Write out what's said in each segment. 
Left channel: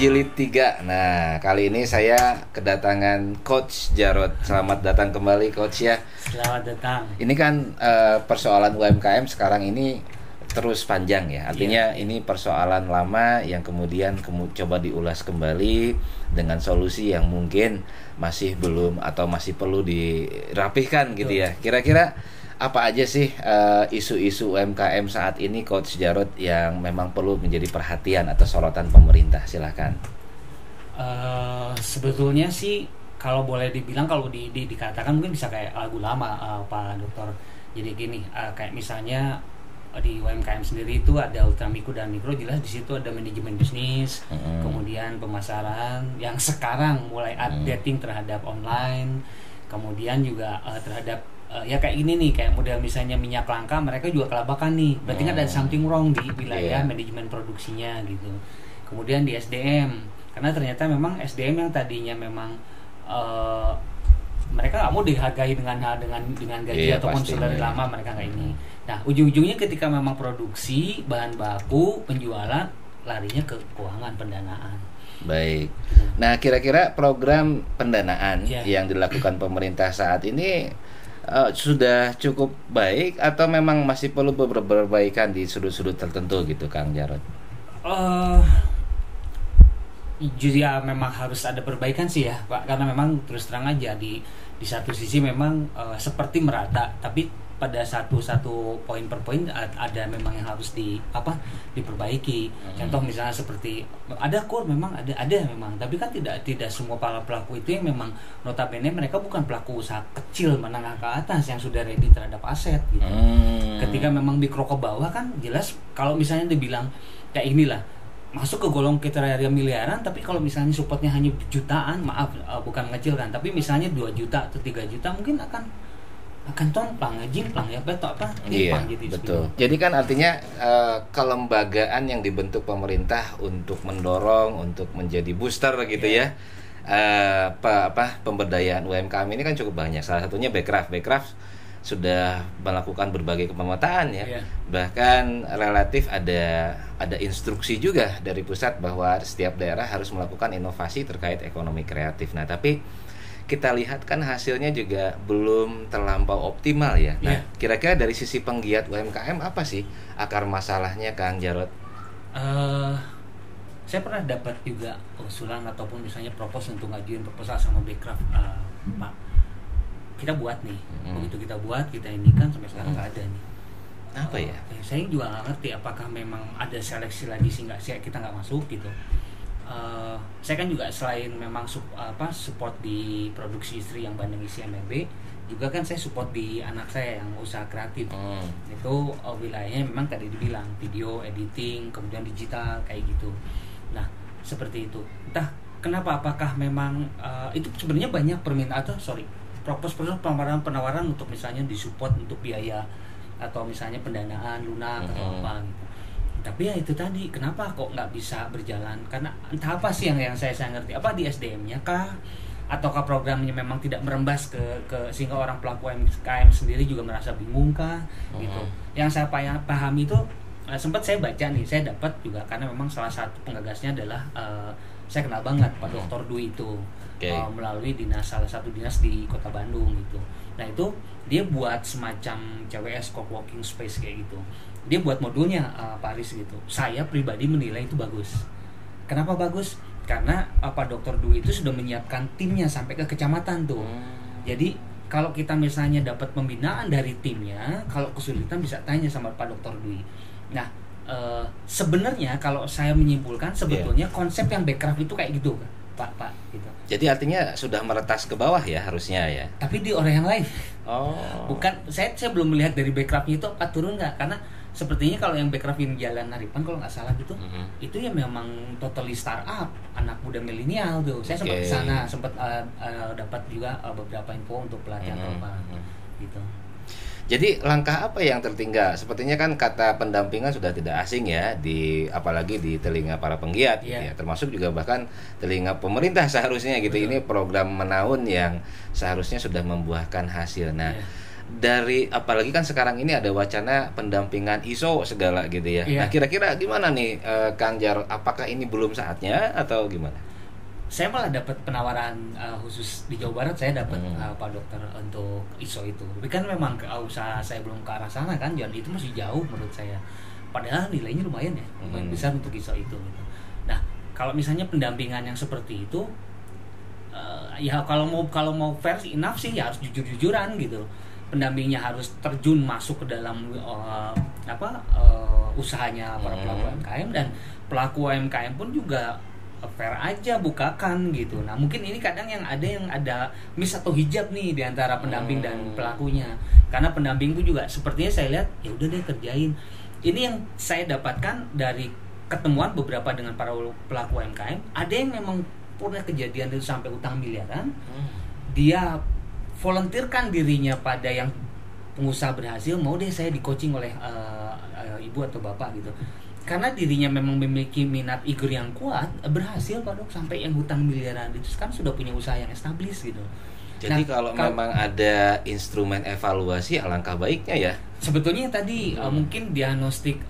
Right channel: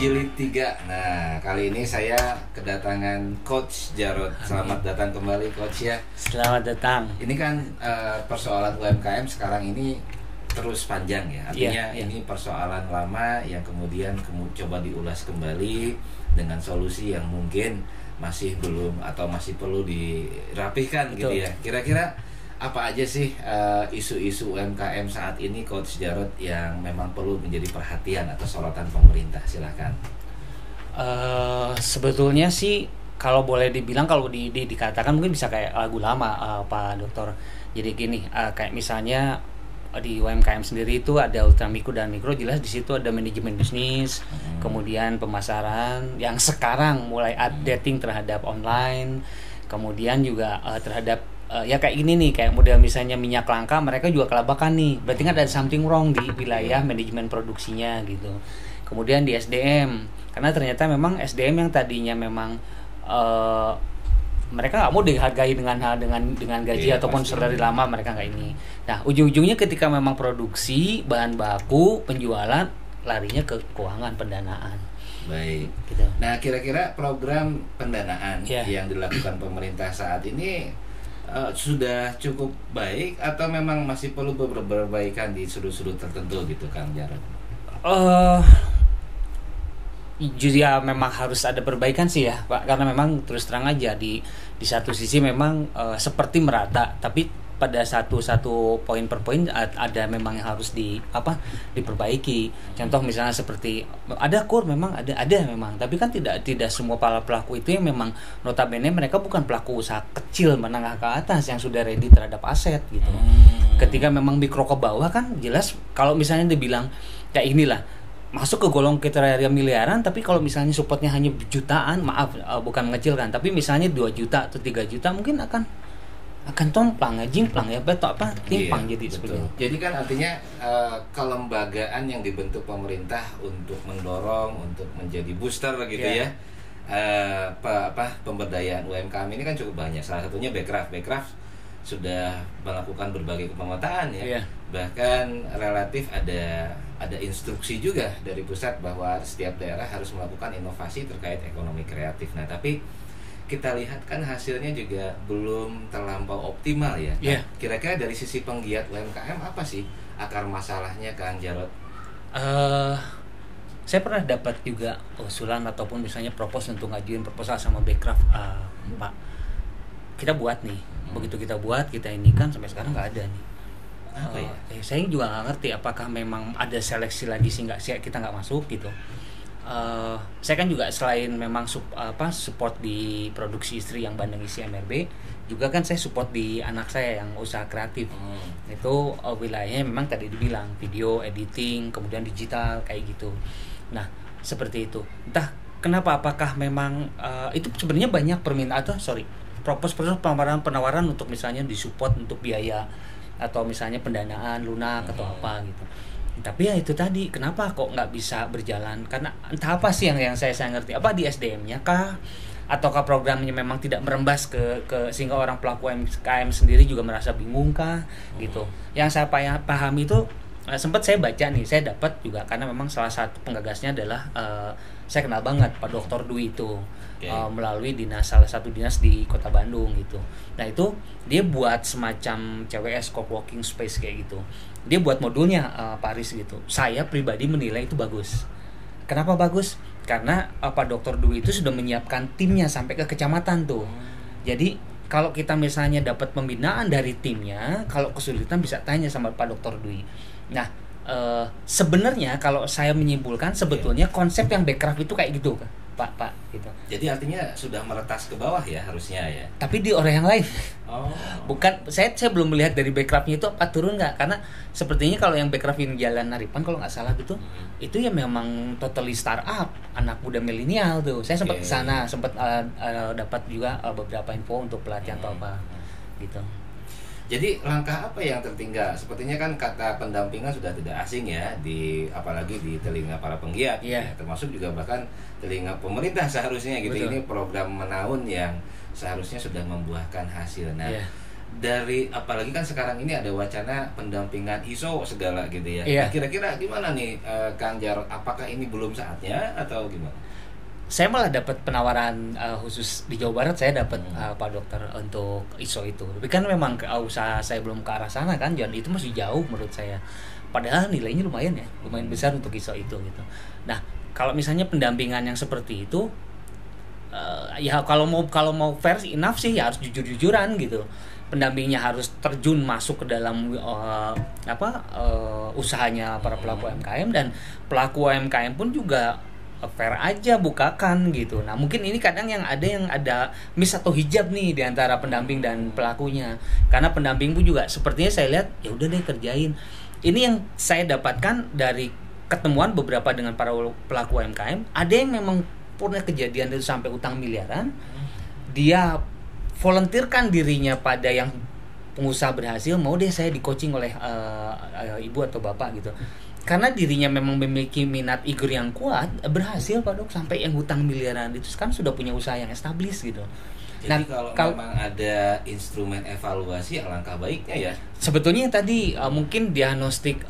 Jilid 3. Nah, kali ini saya kedatangan Coach Jarod. Selamat datang kembali, Coach ya. Selamat datang. Ini kan persoalan UMKM sekarang ini terus panjang ya. Artinya ini persoalan lama yang kemudian coba diulas kembali dengan solusi yang mungkin masih belum atau masih perlu dirapihkan. Betul. Gitu ya. Kira-kira apa aja sih isu-isu UMKM saat ini, Coach Jarod, yang memang perlu menjadi perhatian atau sorotan pemerintah? Silakan. Sebetulnya sih kalau boleh dibilang, kalau dikatakan mungkin bisa kayak lagu lama, Pak Dokter. Jadi gini, kayak misalnya di UMKM sendiri itu ada ultra mikro dan mikro, jelas di situ ada manajemen bisnis, kemudian pemasaran yang sekarang mulai updating terhadap online, kemudian juga terhadap ya kayak gini nih, kayak model misalnya minyak langka, mereka juga kelabakan nih, berarti kan ada something wrong di wilayah manajemen produksinya gitu. Kemudian di SDM, karena ternyata memang SDM yang tadinya memang mereka nggak mau dihargai dengan gaji ataupun salary lama, mereka nggak ini. Nah, ujung-ujungnya ketika memang produksi bahan baku, penjualan, larinya ke keuangan, pendanaan. Baik. Gitu. Nah, kira-kira program pendanaan yang dilakukan pemerintah saat ini sudah cukup baik atau memang masih perlu perbaikan di sudut-sudut tertentu gitu, Kang Jarod? Ya memang harus ada perbaikan sih ya, Pak, karena memang terus terang aja di satu sisi memang seperti merata, tapi pada satu poin per poin ada memang yang harus diperbaiki. Contoh misalnya seperti ada kur, memang ada memang, tapi kan tidak semua para pelaku itu yang memang notabene mereka bukan pelaku usaha kecil menengah ke atas yang sudah ready terhadap aset gitu. Ketika memang mikro ke bawah kan jelas, kalau misalnya dibilang kayak inilah masuk ke golong kriteria miliaran, tapi kalau misalnya supportnya hanya jutaan, maaf bukan mengecilkan, tapi misalnya 2 juta atau 3 juta mungkin akan tomplang, jimplang ya, timpang. Jadi betul. Jadi kan artinya kelembagaan yang dibentuk pemerintah untuk mendorong, untuk menjadi booster gitu ya. Pemberdayaan UMKM ini kan cukup banyak. Salah satunya Bekraf sudah melakukan berbagai pemetaan ya. Bahkan relatif ada instruksi juga dari pusat bahwa setiap daerah harus melakukan inovasi terkait ekonomi kreatif. Nah, tapi kita lihat kan hasilnya juga belum terlampau optimal ya. Nah, kira-kira dari sisi penggiat UMKM apa sih akar masalahnya, Kang Jarod? Saya pernah dapat juga usulan ataupun misalnya propose untuk ngajuin proposal sama Bekraf, Pak. Kita buat nih, begitu kita buat, kita ini kan sampai sekarang nggak ada nih. Apa ya? Saya juga nggak ngerti apakah memang ada seleksi lagi sehingga kita nggak masuk gitu. Saya kan juga selain memang support di produksi istri yang Bandeng Isi MRB, juga kan saya support di anak saya yang usaha kreatif. Itu wilayahnya memang tadi dibilang video editing, kemudian digital kayak gitu. Nah, seperti itu. Entah kenapa, apakah memang itu sebenarnya banyak permintaan proposal penawaran untuk misalnya disupport untuk biaya atau misalnya pendanaan lunak atau apa gitu. Tapi ya itu tadi, kenapa kok nggak bisa berjalan? Karena entah apa sih yang saya ngerti, apa di SDM-nya kah, ataukah programnya memang tidak merembas ke sehingga orang pelaku UMKM sendiri juga merasa bingung kah gitu. Yang saya pahami itu sempat saya baca nih, saya dapat juga karena memang salah satu penggagasnya adalah saya kenal banget Pak Dr. Dwi itu. Melalui salah satu dinas di Kota Bandung gitu. Nah, itu dia buat semacam CWS co-working space kayak gitu. Dia buat modulnya Pak Aris gitu. Saya pribadi menilai itu bagus. Kenapa bagus? Karena Pak Dr. Dwi itu sudah menyiapkan timnya sampai ke kecamatan tuh. Jadi kalau kita misalnya dapat pembinaan dari timnya, kalau kesulitan bisa tanya sama Pak Dr. Dwi. Nah, sebenarnya kalau saya menyimpulkan sebetulnya konsep yang Bekraf itu kayak gitu kan. Pak gitu. Jadi artinya sudah meretas ke bawah ya harusnya ya. Tapi di orang yang lain. Bukan, saya belum melihat dari Bekrafnya itu apa turun nggak, karena sepertinya kalau yang Bekraf yang Jalan Haripan kalau nggak salah gitu, itu ya memang totally startup, anak muda milenial tuh. Saya sempat kesana, sempat dapat juga beberapa info untuk pelatihan atau apa gitu. Jadi langkah apa yang tertinggal? Sepertinya kan kata pendampingan sudah tidak asing ya, apalagi di telinga para penggiat, ya, termasuk juga bahkan telinga pemerintah seharusnya gitu. Betul. Ini program menaun yang seharusnya sudah membuahkan hasil. Nah, dari apalagi kan sekarang ini ada wacana pendampingan ISO segala gitu ya. Iya. Nah, kira-kira gimana nih Kang Jarot? Apakah ini belum saatnya atau gimana? Saya malah dapat penawaran khusus di Jawa Barat, saya dapat Pak Dokter untuk ISO itu. Tapi kan memang usaha saya belum ke arah sana kan, dan itu masih jauh menurut saya. Padahal nilainya lumayan ya, lumayan besar untuk ISO itu gitu. Nah, kalau misalnya pendampingan yang seperti itu, ya kalau mau fair enough sih ya harus jujur-jujuran gitu. Pendampingnya harus terjun masuk ke dalam usahanya para pelaku UMKM, dan pelaku UMKM pun juga fair aja bukakan gitu. Nah, mungkin ini kadang yang ada miss atau hijab nih di antara pendamping dan pelakunya. Karena pendamping pun juga sepertinya saya lihat ya udah deh kerjain. Ini yang saya dapatkan dari ketemuan beberapa dengan para pelaku UMKM, ada yang memang pernah kejadian itu sampai utang miliaran. Dia volunteerkan dirinya pada yang pengusaha berhasil, mau deh saya di coaching oleh ibu atau bapak gitu. Karena dirinya memang memiliki minat igur yang kuat, berhasil Pak Dok sampai yang hutang miliaran itu kan sudah punya usaha yang established gitu. Jadi kalau memang ada instrumen evaluasi alangkah baiknya ya. Sebetulnya yang tadi mungkin diagnostik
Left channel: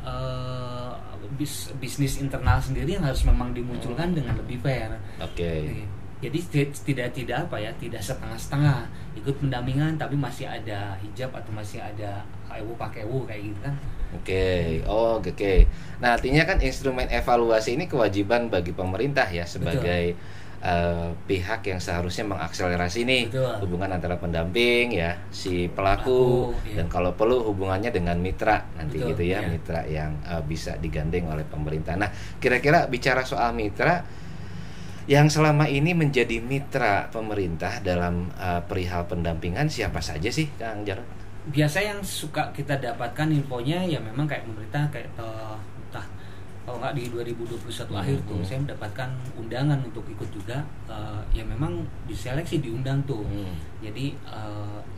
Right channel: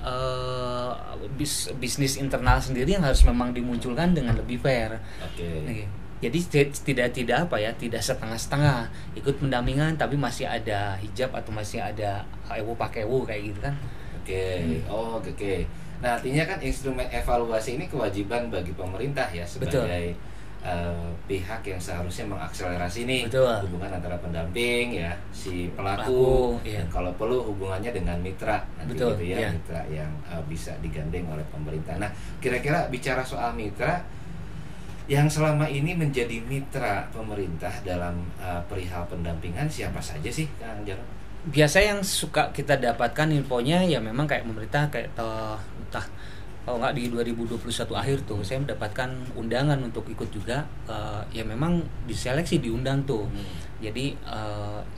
bisnis internal sendiri yang harus memang dimunculkan dengan lebih fair. Oke. Jadi tidak setengah-setengah ikut pendampingan tapi masih ada hijab atau masih ada ewu pakai ewu kayak gitu kan. Oke. Nah, artinya kan instrumen evaluasi ini kewajiban bagi pemerintah ya sebagai pihak yang seharusnya mengakselerasi nih hubungan antara pendamping ya si pelaku dan kalau perlu hubungannya dengan mitra nanti gitu ya, mitra yang bisa digandeng oleh pemerintah. Nah, kira-kira bicara soal mitra yang selama ini menjadi mitra pemerintah dalam perihal pendampingan siapa saja sih Kang Jarot? Biasa yang suka kita dapatkan infonya ya memang kayak pemerintah kayak entah kalau nggak di 2021 akhir tuh saya mendapatkan undangan untuk ikut juga, ya memang diseleksi diundang tuh. Jadi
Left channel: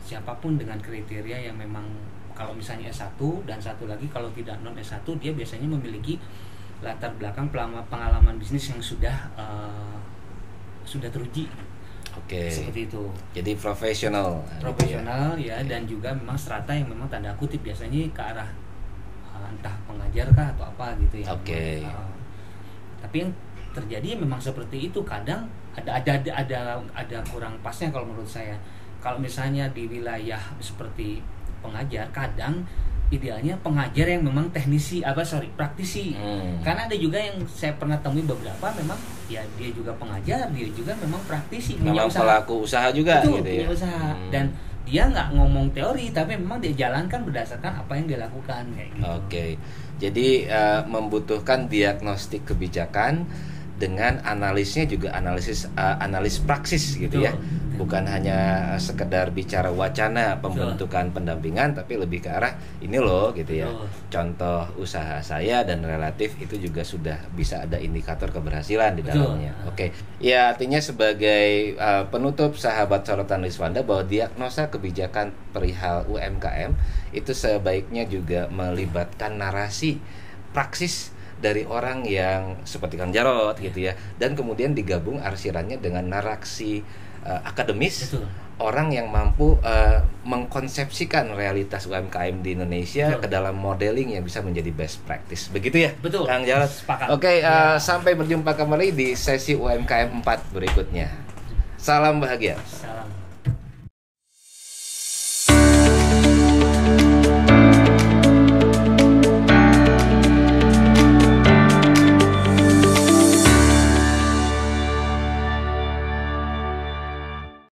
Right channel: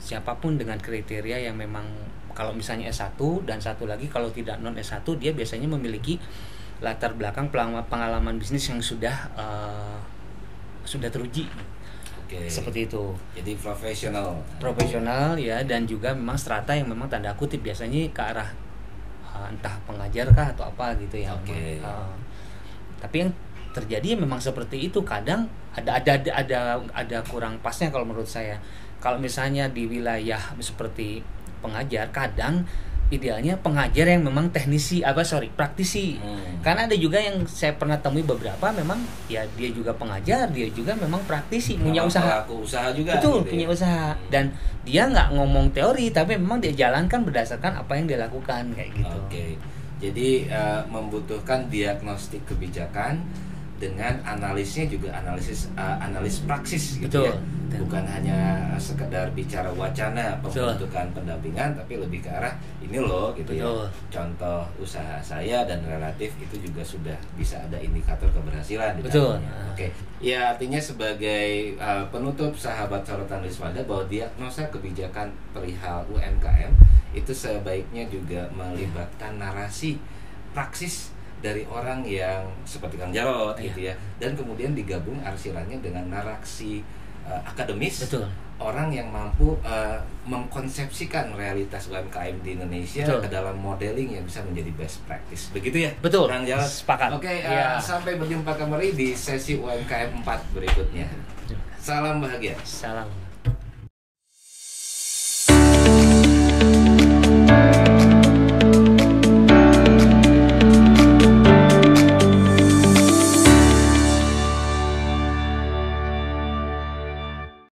siapapun dengan kriteria yang memang kalau misalnya S1 dan satu lagi kalau tidak non S1 dia biasanya memiliki latar belakang pengalaman bisnis yang sudah teruji. Seperti itu. Jadi profesional ya, dan juga memang strata yang memang tanda kutip biasanya ke arah entah pengajar kah atau apa gitu ya. Tapi yang terjadi memang seperti itu. Kadang ada kurang pasnya kalau menurut saya. Kalau misalnya di wilayah seperti pengajar, kadang idealnya pengajar yang memang praktisi. Karena ada juga yang saya pernah temui beberapa memang ya dia juga pengajar, dia juga memang praktisi, punya usaha. Pelaku usaha juga. Betul, gitu punya ya? usaha. Dan dia nggak ngomong teori, tapi memang dia jalankan berdasarkan apa yang dia lakukan kayak gitu. Jadi membutuhkan diagnostik kebijakan dengan analisnya juga analis praksis gitu. Ya. Bukan hanya sekedar bicara wacana pembentukan pendampingan, tapi lebih ke arah ini loh gitu ya. Contoh usaha saya dan relatif itu juga sudah bisa ada indikator keberhasilan di dalamnya. Ya artinya sebagai penutup sahabat sorotan Riswanda bahwa diagnosa kebijakan perihal UMKM itu sebaiknya juga melibatkan narasi praksis dari orang yang seperti Kang Jarot gitu ya, dan kemudian digabung arsirannya dengan narasi akademis. Orang yang mampu mengkonsepsikan realitas UMKM di Indonesia ke dalam modeling yang bisa menjadi best practice. Begitu ya? Betul. Kang Jarot. Sepakat. Sampai berjumpa kembali di sesi UMKM 4 berikutnya. Salam bahagia. Salam.